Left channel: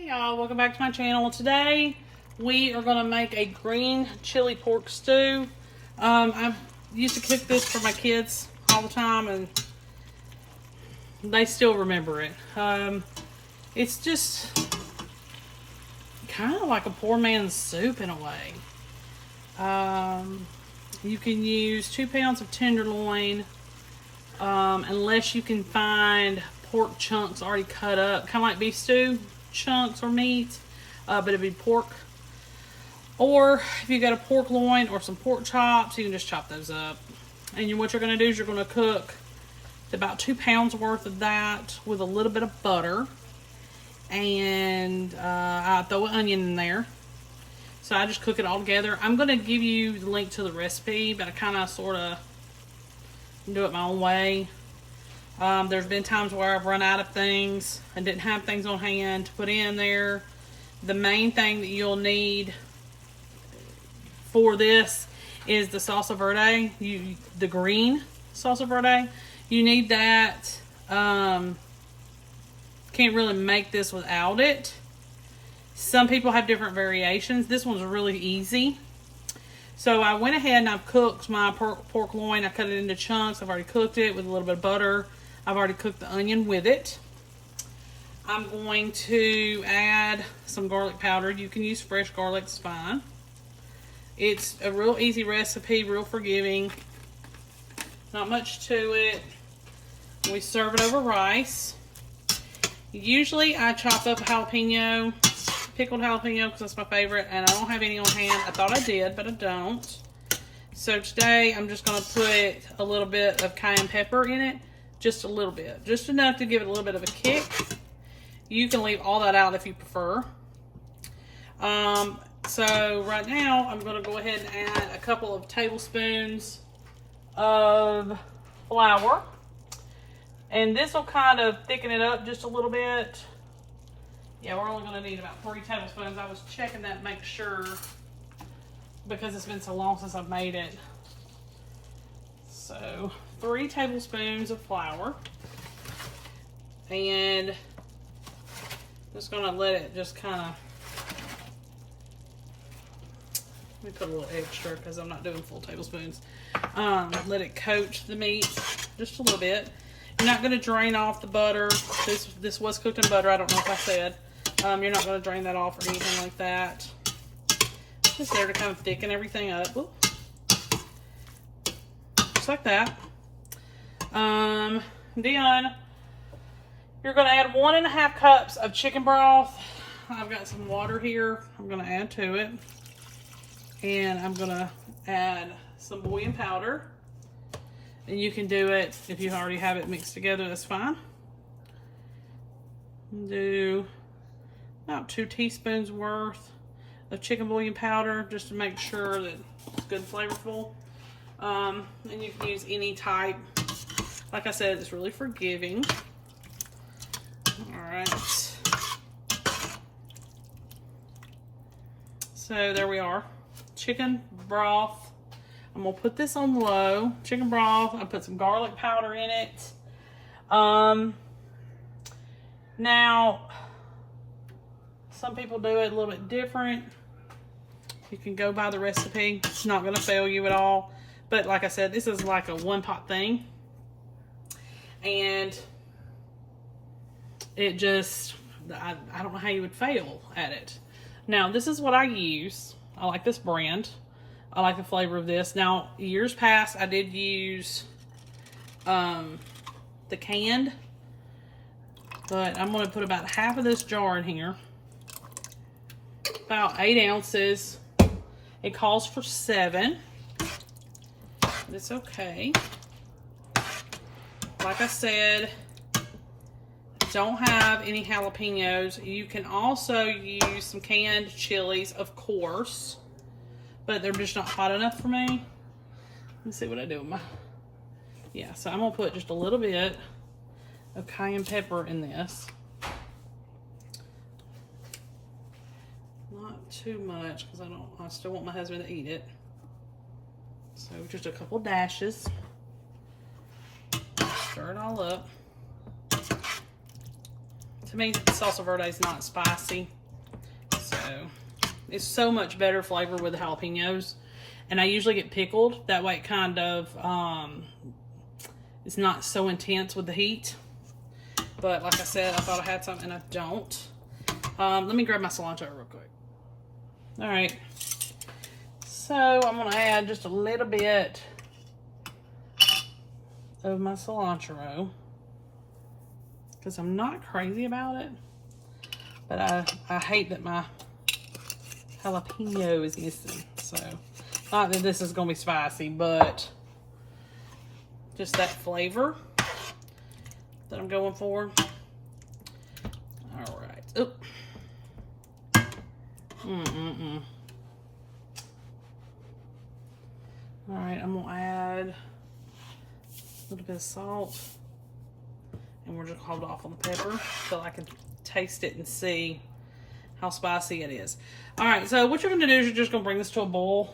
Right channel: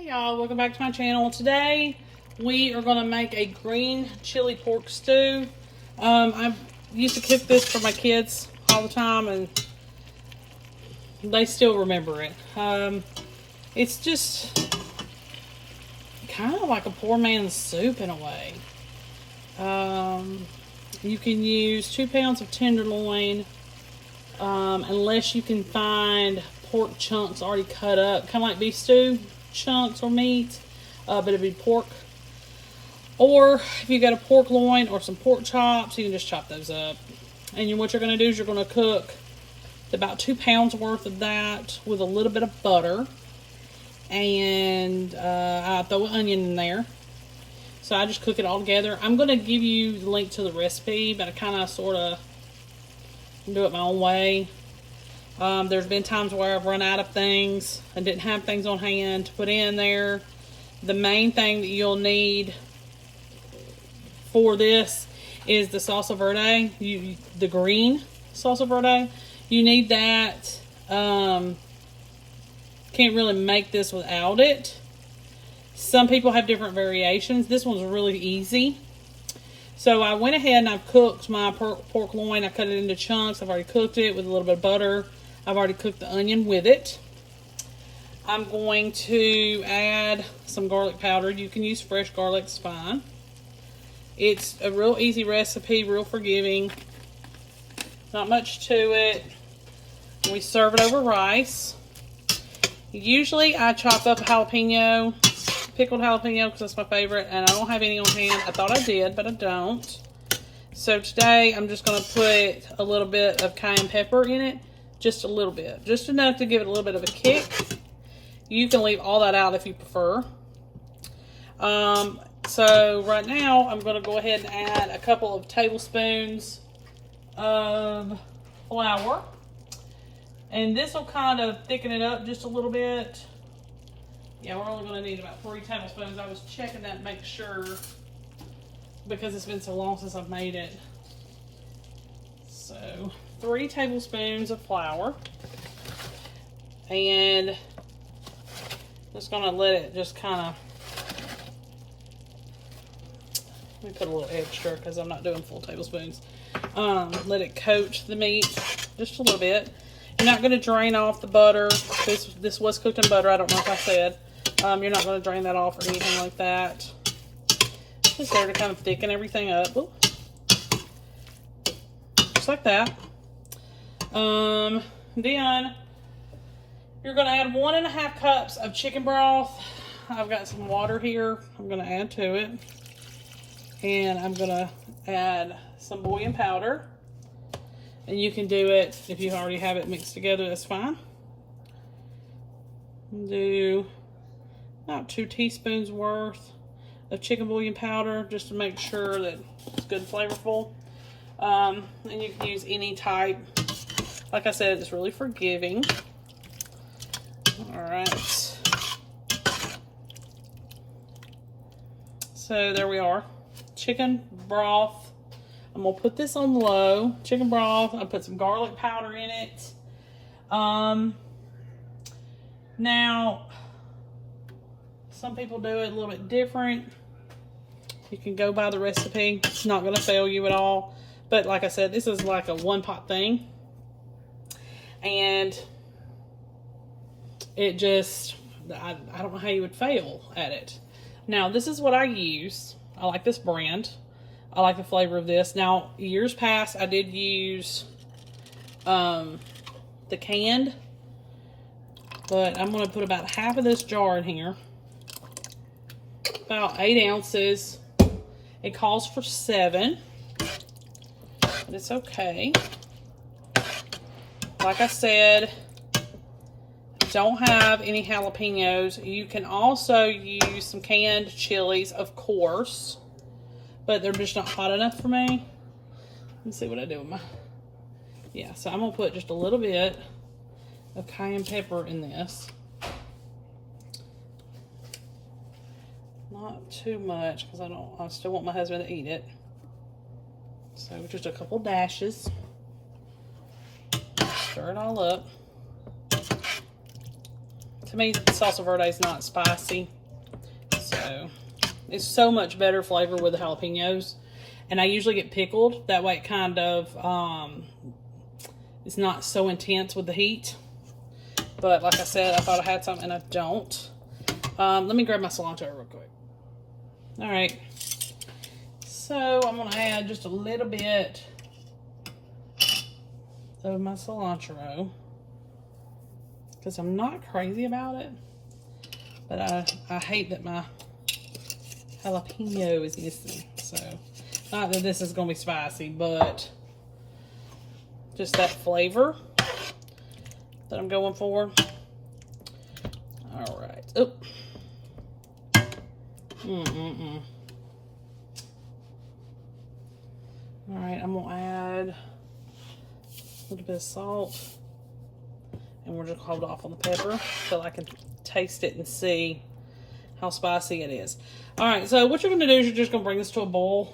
Hey y'all, welcome back to my channel. Today we are going to make a green chili pork stew. I used to cook this for my kids all the time and they still remember it. It's just kind of like a poor man's soup in a way. You can use 2 pounds of tenderloin, unless you can find pork chunks already cut up, kind of like beef stew chunks or meat, but it'd be pork. Or if you got a pork loin or some pork chops, you can just chop those up. And what you're going to do is you're going to cook about 2 pounds worth of that with a little bit of butter, and I throw an onion in there. So I just cook it all together. I'm going to give you the link to the recipe, but I kind of sort of do it my own way. There's been times where I've run out of things and didn't have things on hand to put in there. The main thing that you'll need for this is the salsa verde, the green salsa verde. You need that. Can't really make this without it. Some people have different variations. This one's really easy. So I went ahead and I've cooked my pork loin. I cut it into chunks. I've already cooked it with a little bit of butter. I've already cooked the onion with it. I'm going to add some garlic powder. You can use fresh garlic, it's fine. It's a real easy recipe, real forgiving. Not much to it. We serve it over rice. Usually I chop up jalapeno, pickled jalapeno, because that's my favorite, and I don't have any on hand. I thought I did, but I don't. So today I'm just going to put a little bit of cayenne pepper in it. Just a little bit. Just enough to give it a little bit of a kick. You can leave all that out if you prefer. So right now I'm going to go ahead and add a couple of tablespoons of flour. And this will kind of thicken it up just a little bit. Yeah, we're only going to need about 3 tablespoons. I was checking that to make sure, because it's been so long since I've made it. So 3 tablespoons of flour, and just gonna let it just kind of, let me put a little extra because I'm not doing full tablespoons. Let it coat the meat just a little bit. You're not going to drain off the butter. This was cooked in butter. I don't know if I said. You're not going to drain that off or anything like that. Just there to kind of thicken everything up. Ooh. Just like that. Then you're going to add 1.5 cups of chicken broth. I've got some water here I'm going to add to it. And I'm going to add some bouillon powder. And you can do it if you already have it mixed together, that's fine. Do about 2 teaspoons worth of chicken bouillon powder just to make sure that it's good and flavorful. And you can use any type. Like I said, it's really forgiving. All right. So there we are. Chicken broth. I'm going to put this on low. Chicken broth. I put some garlic powder in it. Now, some people do it a little bit different. You can go by the recipe. It's not going to fail you at all. But like I said, this is like a one-pot thing. And it just, I don't know how you would fail at it. Now, this is what I use. I like this brand. I like the flavor of this. Now, years past, I did use the canned. But I'm going to put about half of this jar in here. About 8 ounces. It calls for 7. But it's okay. Like I said, don't have any jalapenos. You can also use some canned chilies, of course. But they're just not hot enough for me. Let's see what I do with my... Yeah, so I'm going to put just a little bit of cayenne pepper in this. Not too much, because I still want my husband to eat it. So just a couple dashes. Stir it all up. To me, salsa verde is not spicy. So it's so much better flavor with the jalapenos. And I usually get pickled. That way it kind of, it's not so intense with the heat. But like I said, I thought I had some and I don't. Let me grab my cilantro real quick. All right. So I'm gonna add just a little bit of my cilantro because I'm not crazy about it. But I hate that my jalapeno is missing. So not that this is gonna be spicy, but just that flavor that I'm going for. All right. Oop. All right, I'm gonna add a little bit of salt, and we're just hold off on the pepper so I can taste it and see how spicy it is. All right, so what you're gonna do is you're just gonna bring this to a boil,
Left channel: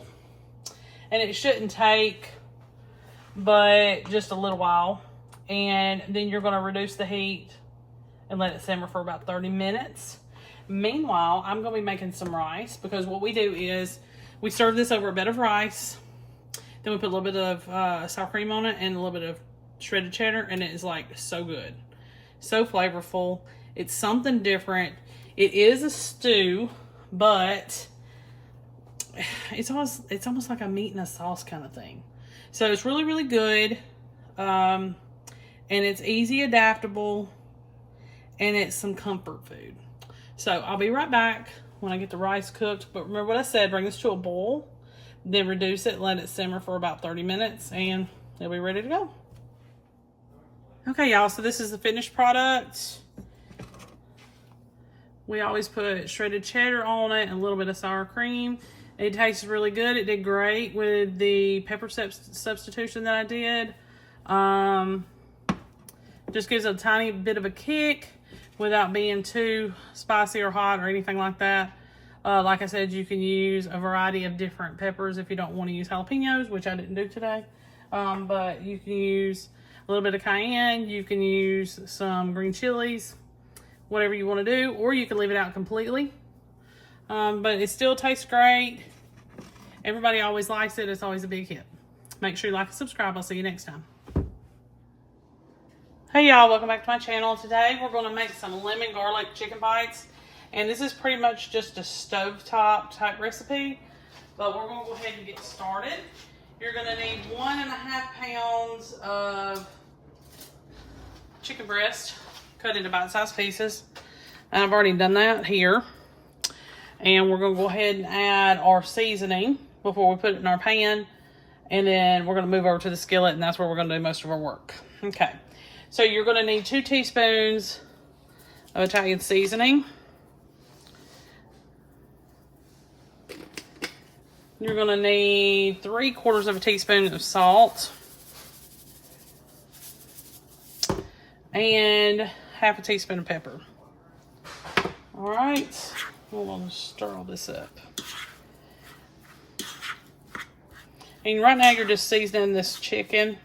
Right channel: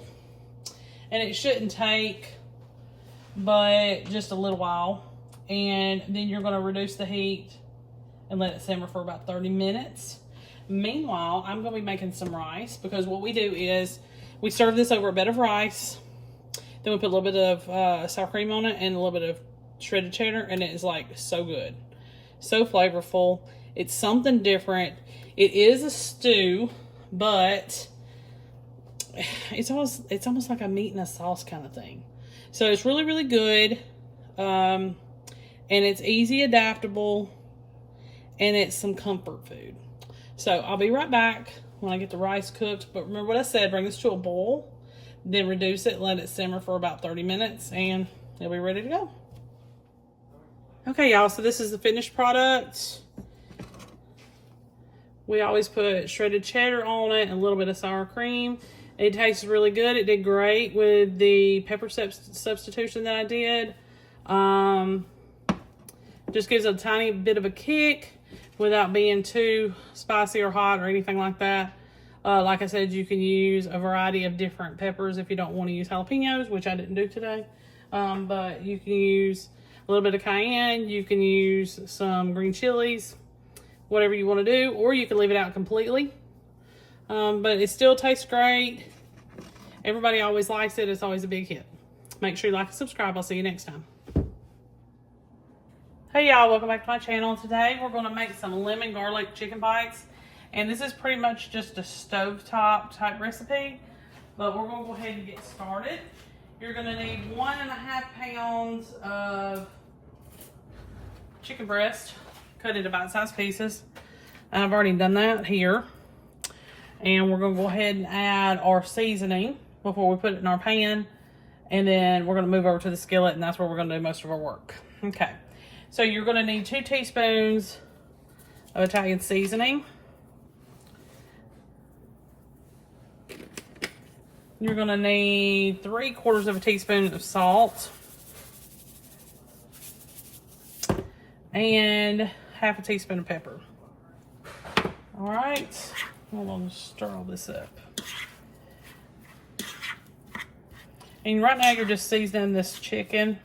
and it shouldn't take but just a little while, and then you're gonna reduce the heat and let it simmer for about 30 minutes. Meanwhile, I'm gonna be making some rice because what we do is we serve this over a bed of rice. Then we put a little bit of sour cream on it and a little bit of shredded cheddar, and it is like so good, so flavorful. It's something different. It is a stew, but it's almost like a meat and a sauce kind of thing. So it's really, really good, and it's easy, adaptable, and it's some comfort food. So I'll be right back when I get the rice cooked. But remember what I said, bring this to a boil. Then reduce it, let it simmer for about 30 minutes, and it'll be ready to go. Okay, y'all, so this is the finished product. We always put shredded cheddar on it and a little bit of sour cream. It tastes really good. It did great with the pepper substitution that I did. Just gives a tiny bit of a kick without being too spicy or hot or anything like that. Like I said, you can use a variety of different peppers if you don't want to use jalapenos, which I didn't do today. But you can use a little bit of cayenne. You can use some green chilies, whatever you want to do, or you can leave it out completely. But it still tastes great. Everybody always likes it. It's always a big hit. Make sure you like and subscribe. I'll see you next time. Hey y'all, welcome back to my channel. Today we're going to make some lemon garlic chicken bites. And this is pretty much just a stovetop type recipe, but we're going to go ahead and get started. You're going to need 1.5 pounds of chicken breast cut into bite-sized pieces. And I've already done that here. And we're going to go ahead and add our seasoning before we put it in our pan. And then we're going to move over to the skillet, and that's where we're going to do most of our work. Okay. So you're going to need 2 teaspoons of Italian seasoning. You're going to need 3/4 of a teaspoon of salt. And 1/2 teaspoon of pepper. All right. I'm going to stir all this up. And right now you're just seasoning this chicken.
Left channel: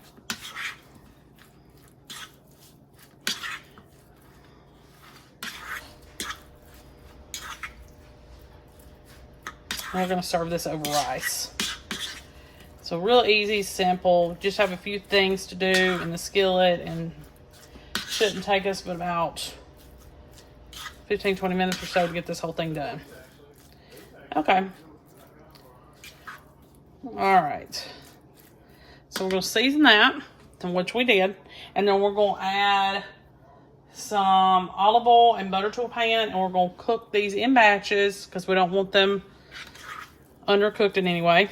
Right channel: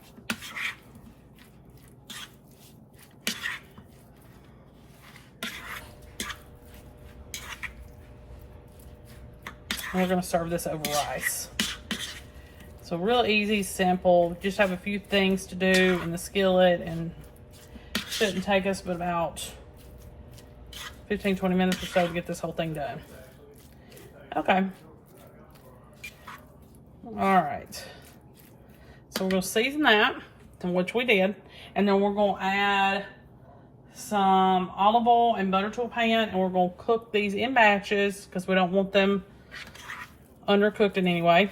We're going to serve this over rice. So real easy, simple. Just have a few things to do in the skillet, and shouldn't take us but about 15-20 minutes or so to get this whole thing done. Okay. All right. So we're going to season that, which we did, and then we're going to add some olive oil and butter to a pan, and we're going to cook these in batches because we don't want them undercooked in any way.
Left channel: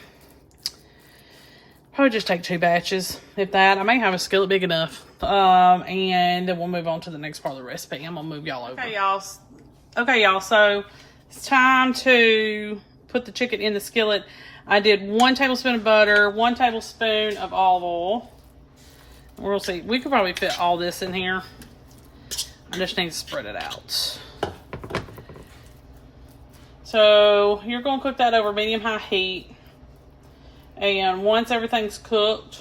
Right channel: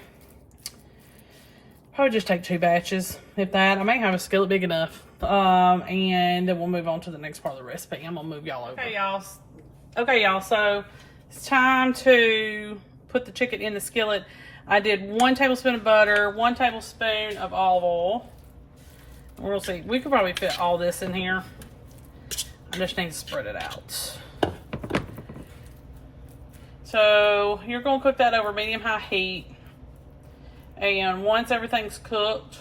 Probably just take 2 batches, if that. I may have a skillet big enough. And then we'll move on to the next part of the recipe. I'm gonna move y'all over. Okay, y'all. So it's time to put the chicken in the skillet. I did 1 tablespoon of butter, 1 tablespoon of olive oil. We'll see. We could probably fit all this in here. I just need to spread it out. So you're going to cook that over medium-high heat. And once everything's cooked,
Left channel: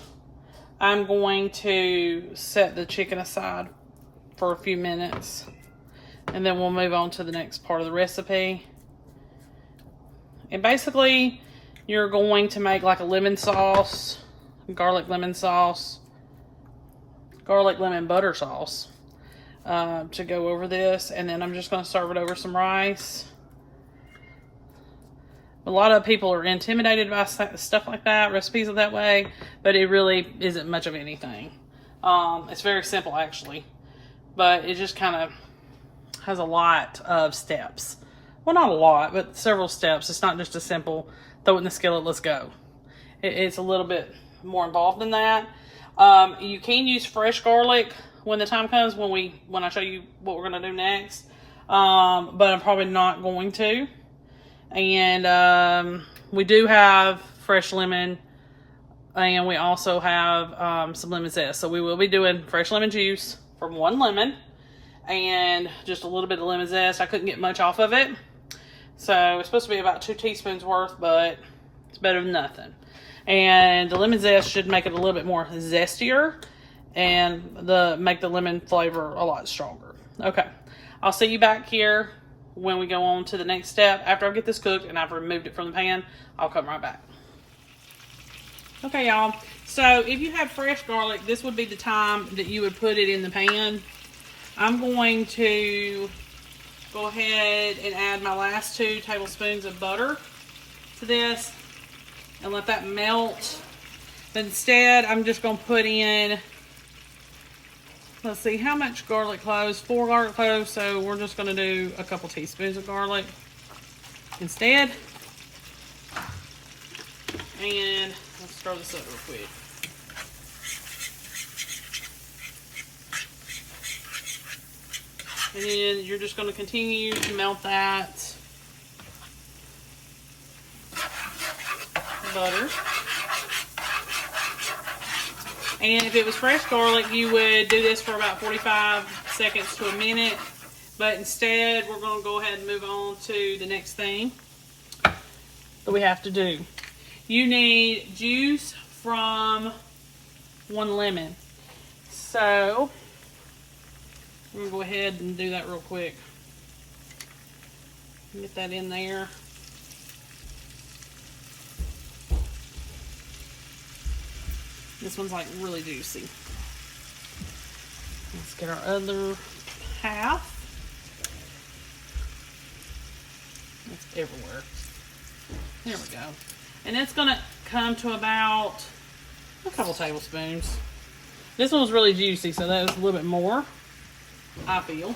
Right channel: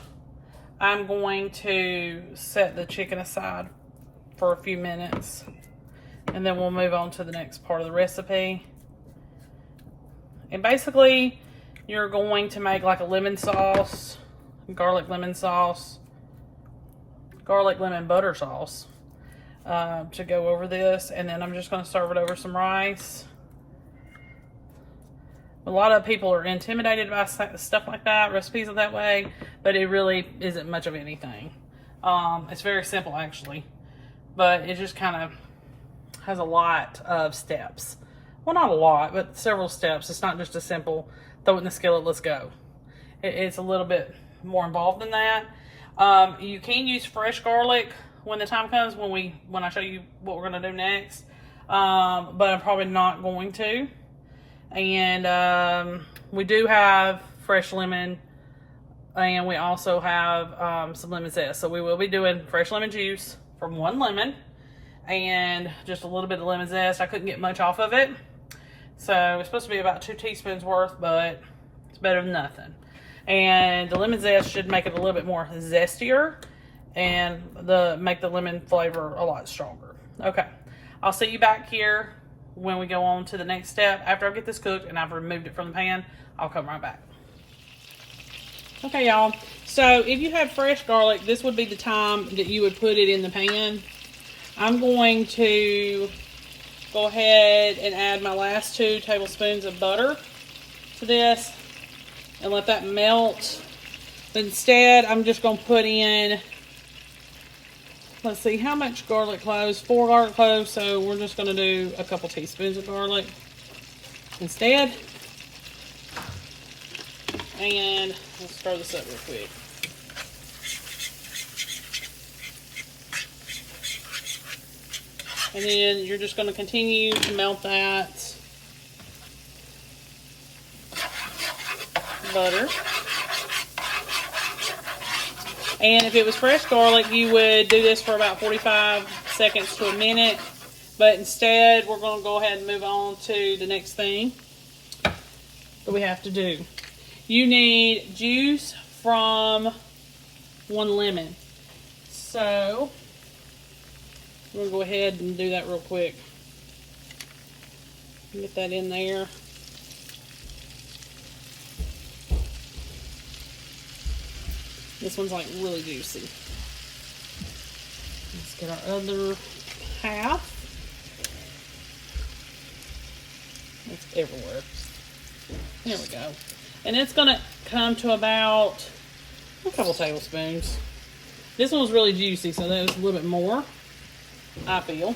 I'm going to set the chicken aside for a few minutes And then we'll move on to the next part of the recipe. And basically, you're going to make like a lemon sauce, garlic lemon sauce, garlic lemon butter sauce to go over this. And then I'm just going to serve it over some rice. A lot of people are intimidated by stuff like that, recipes that way, but it really isn't much of anything. It's very simple actually, but it just kind of has a lot of steps. Well, not a lot, but several steps. It's not just a simple throw it in the skillet, let's go. It's a little bit more involved than that. You can use fresh garlic when the time comes, when I show you what we're going to do next, but I'm probably not going to. And we do have fresh lemon, and we also have some lemon zest. So we will be doing fresh lemon juice from 1 lemon and just a little bit of lemon zest. I couldn't get much off of it, so it's supposed to be about 2 teaspoons worth, but it's better than nothing. And the lemon zest should make it a little bit more zestier and make the lemon flavor a lot stronger. Okay, I'll see you back here when we go on to the next step. After I get this cooked and I've removed it from the pan, I'll come right back. Okay, y'all. So if you had fresh garlic, this would be the time that you would put it in the pan. I'm going to go ahead and add my last 2 tablespoons of butter to this and let that melt. But instead, I'm just going to put in, let's see, how much garlic cloves? 4 garlic cloves, so we're just going to do a couple teaspoons of garlic instead. And let's throw this up real quick. And then you're just going to continue to melt that butter. And if it was fresh garlic, you would do this for about 45 seconds to a minute. But instead, we're going to go ahead and move on to the next thing that we have to do. You need juice from 1 lemon. So, we're going to go ahead and do that real quick. Get that in there. This one's like really juicy. Let's get our other half. It's everywhere. There we go. And it's going to come to about a couple tablespoons. This one was really juicy, so that was a little bit more, I feel.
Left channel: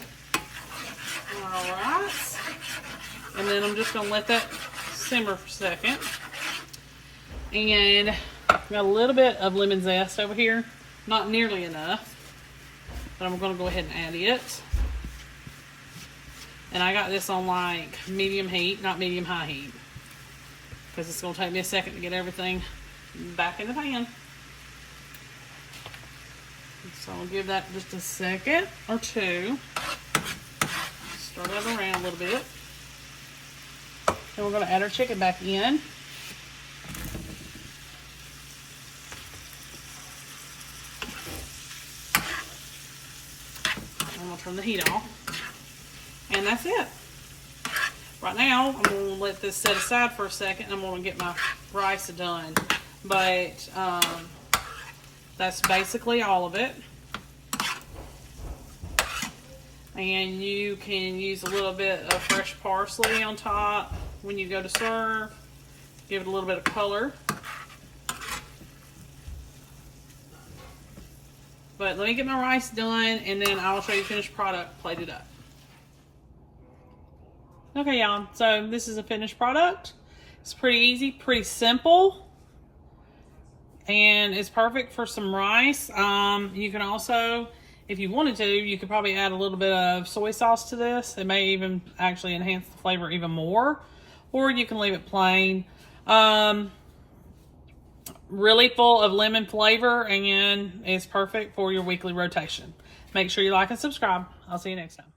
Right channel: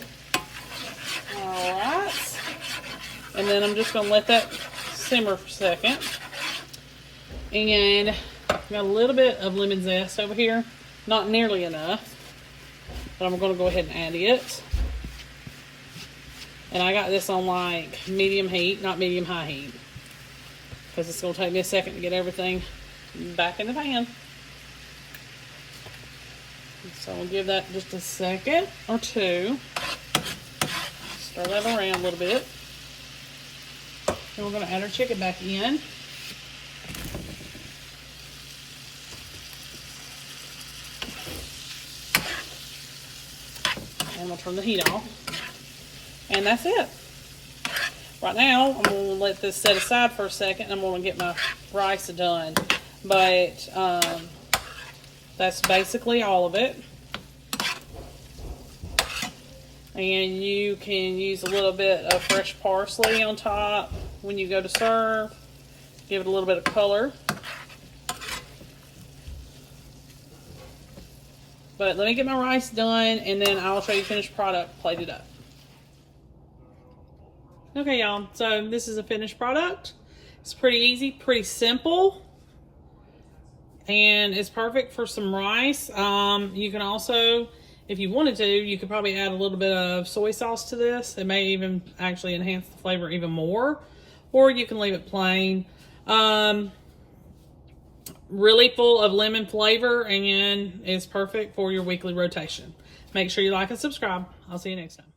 Alright. And then I'm just going to let that simmer for a second. And I've got a little bit of lemon zest over here. Not nearly enough. But I'm going to go ahead and add it. And I got this on like medium heat, not medium high heat. Because it's going to take me a second to get everything back in the pan. So I'll give that just a second or two. Stir that around a little bit. Then we're going to add our chicken back in. I'm going to turn the heat off. And that's it. Right now, I'm going to let this set aside for a second. I'm going to get my rice done. But that's basically all of it. And you can use a little bit of fresh parsley on top when you go to serve. Give it a little bit of color. But let me get my rice done, and then I'll show you the finished product plated up. Okay, y'all, so this is a finished product. It's pretty easy, pretty simple, and it's perfect for some rice. You can also, if you wanted to, you could probably add a little bit of soy sauce to this. It may even actually enhance the flavor even more, or you can leave it plain. Really full of lemon flavor, and it's perfect for your weekly rotation. Make sure you like and subscribe. I'll see you next time.